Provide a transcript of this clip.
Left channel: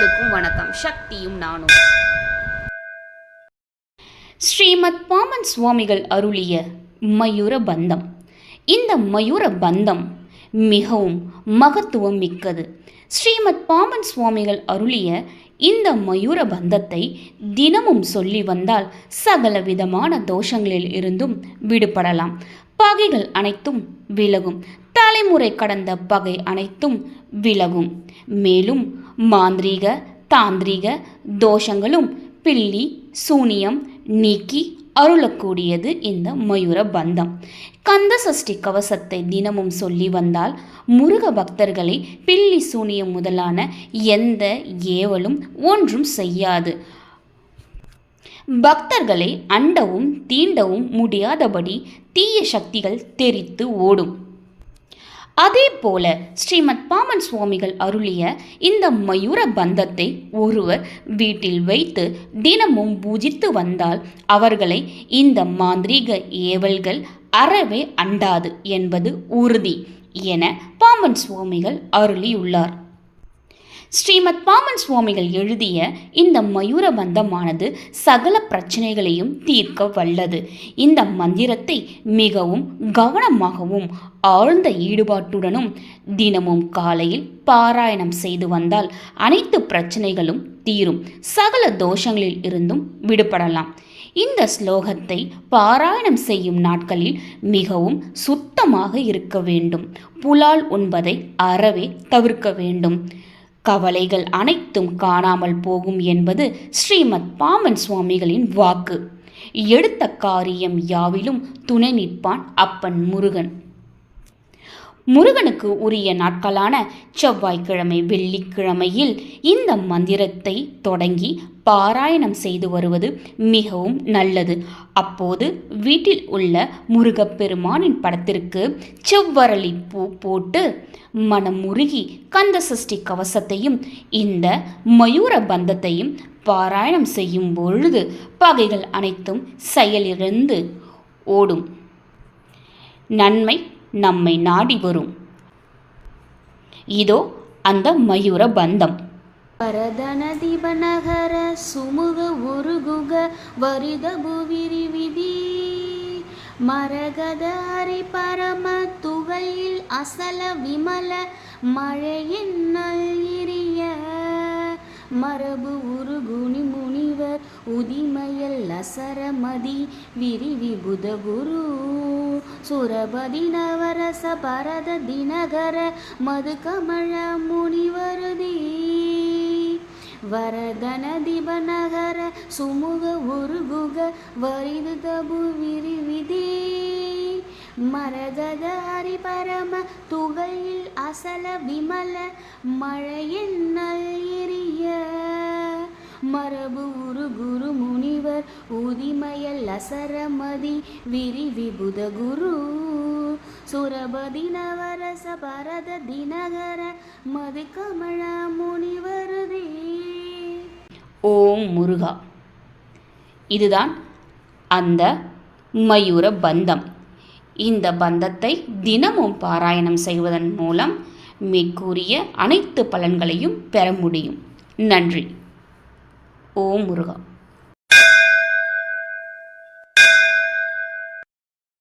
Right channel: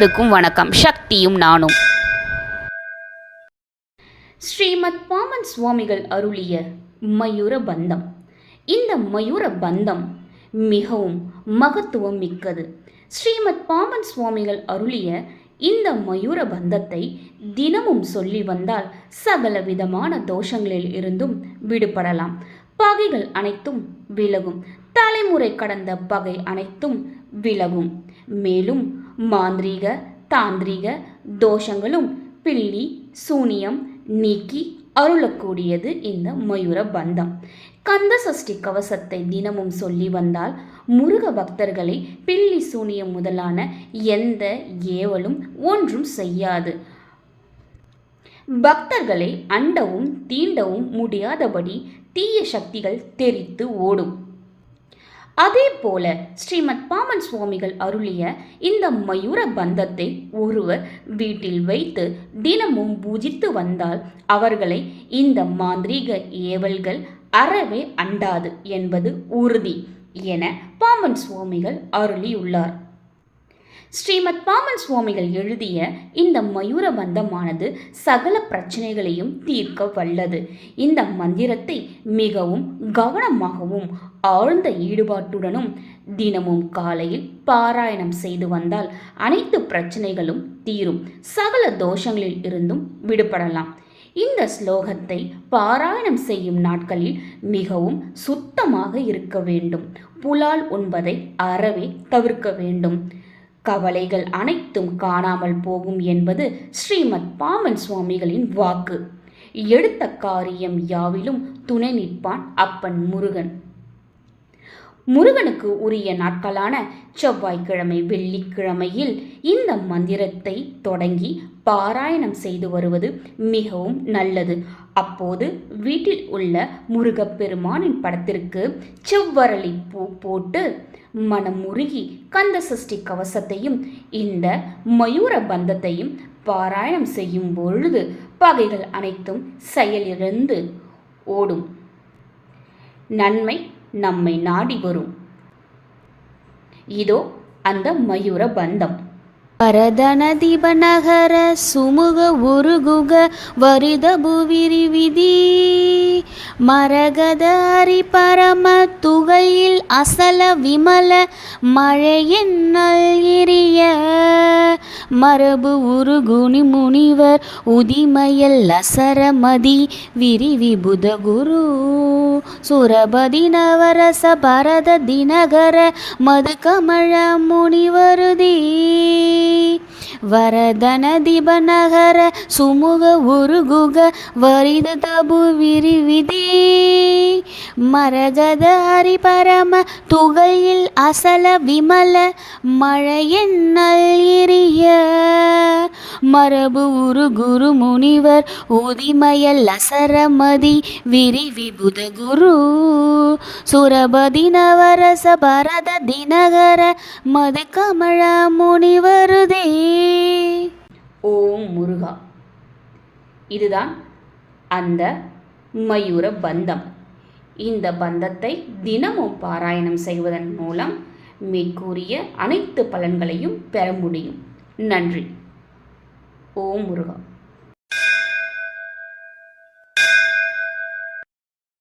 அனைவருக்கும் வணக்கம். சக்தியும் நானும். ஸ்ரீமத் பாமன் சுவாமிகள் அருளிய மயூர பந்தம். இந்த மயூர பந்தம் மிகவும் மகத்துவம் மிக்கது. ஸ்ரீமத் பாமன் சுவாமிகள் அருளிய இந்த மயூர பந்தத்தை தினமும் சொல்லி வந்தால் சகல விதமான தோஷங்களில் இருந்தும் விடுபடலாம். பகைகள் அனைத்தும் விலகும். தலைமுறை கடந்த பகை அனைத்தும் விலகும். மேலும் மாந்திரீக தாந்திரீக தோஷங்களும் பில்லி சூனியம் நீக்கி அருளக்கூடியது இந்த மயூர பந்தம். கந்த சஷ்டி கவசத்தை தினமும் சொல்லி வந்தால் முருக பக்தர்களை பில்லி சூனியம் முதலான எந்த ஏவலும் ஒன்றும் செய்யாது. பக்தர்களை அண்டவும் தீண்டவும் முடியாதபடி தீய சக்திகள் தெரித்து ஓடும். அதே போல ஸ்ரீமத் பாமன் சுவாமிகள் அருளிய இந்த மயூர பந்தத்தை ஒருவர் வீட்டில் வைத்து தினமும் பூஜித்து வந்தால் அவர்களை இந்த மாந்திரீக ஏவல்கள் அறவே அண்டாது என்பது உறுதி என பாமன் சுவாமிகள் அருளியுள்ளார். ஸ்ரீமத் பாமன் சுவாமிகள் எழுதிய இந்த மயூர பந்தமானது சகல பிரச்சனைகளையும் தீர்க்க வல்லது. இந்த மந்திரத்தை மிகவும் கவனமாகவும் ஆழ்ந்த ஈடுபாட்டுடனும் தினமும் காலையில் பாராயணம் செய்து வந்தால் அனைத்து பிரச்சனைகளும் தீரும். சகல தோஷங்களில் இருந்தும் விடுபடலாம். இந்த ஸ்லோகத்தை பாராயணம் செய்யும் நாட்களில் மிகவும் சுத்தமாக இருக்க வேண்டும். புலால் உண்பதை அறவே தவிர்க்க வேண்டும். கவலைகள் அனைத்தும் காணாமல் போகும் என்பது ஸ்ரீமத் பாமன் சுவாமிகளின் வாக்கு. எடுத்த காரியம் யாவிலும் துணை நிற்பான் அப்பன் முருகன். முருகனுக்கு உரிய நாட்களான செவ்வாய்க்கிழமை வெள்ளிக்கிழமையில் இந்த மந்திரத்தை தொடங்கி பாராயணம் செய்து வருவது மிகவும் நல்லது. அப்போது வீட்டில் உள்ள முருகப்பெருமானின் படத்திற்கு செவ்வரளி பூ போட்டு மனமுருகி கந்த சஷ்டி கவசத்தையும் இந்த மயூர பந்தத்தையும் பாராயணம் செய்யும் பொழுது பகைகள் அனைத்தும் செயலிழந்து ஓடும். நன்மை நம்மை நாடி வரும். இதோ அந்த மயூர பந்தம். பரதனதிபநகர சுமுக உருகுக வரித புவிரி விதி. மரகதாரி பரம துகையில் அசல விமல மழையின் நல்கிரிய மரபு உருகுணி முனிவர் உதிமயல் அசரமதி விரிவி புதகுரு. சுரபதி நவரச பரத தினகர மது கமழ முனிவருதி. வரதன திபநகர சுமுக உருகுக வரித தபு விரிவிதி. மரகத ஹரிபரம துகையில் அசல விமல மழையென்னல் எரிய மரபு உரு குரு முனிவர் உதிமயல் அசரமதி விரி விபுத குரு. சுரபதி நவரச பரத தினகர மது கமழ முனிவருதே. ஓம் முருகா. இதுதான் அந்த மயூர பந்தம். இந்த பந்தத்தை தினமும் பாராயணம் செய்வதன் மூலம் மேற்கூறிய அனைத்து பலன்களையும் பெற முடியும். நன்றி. ஓம் முருகா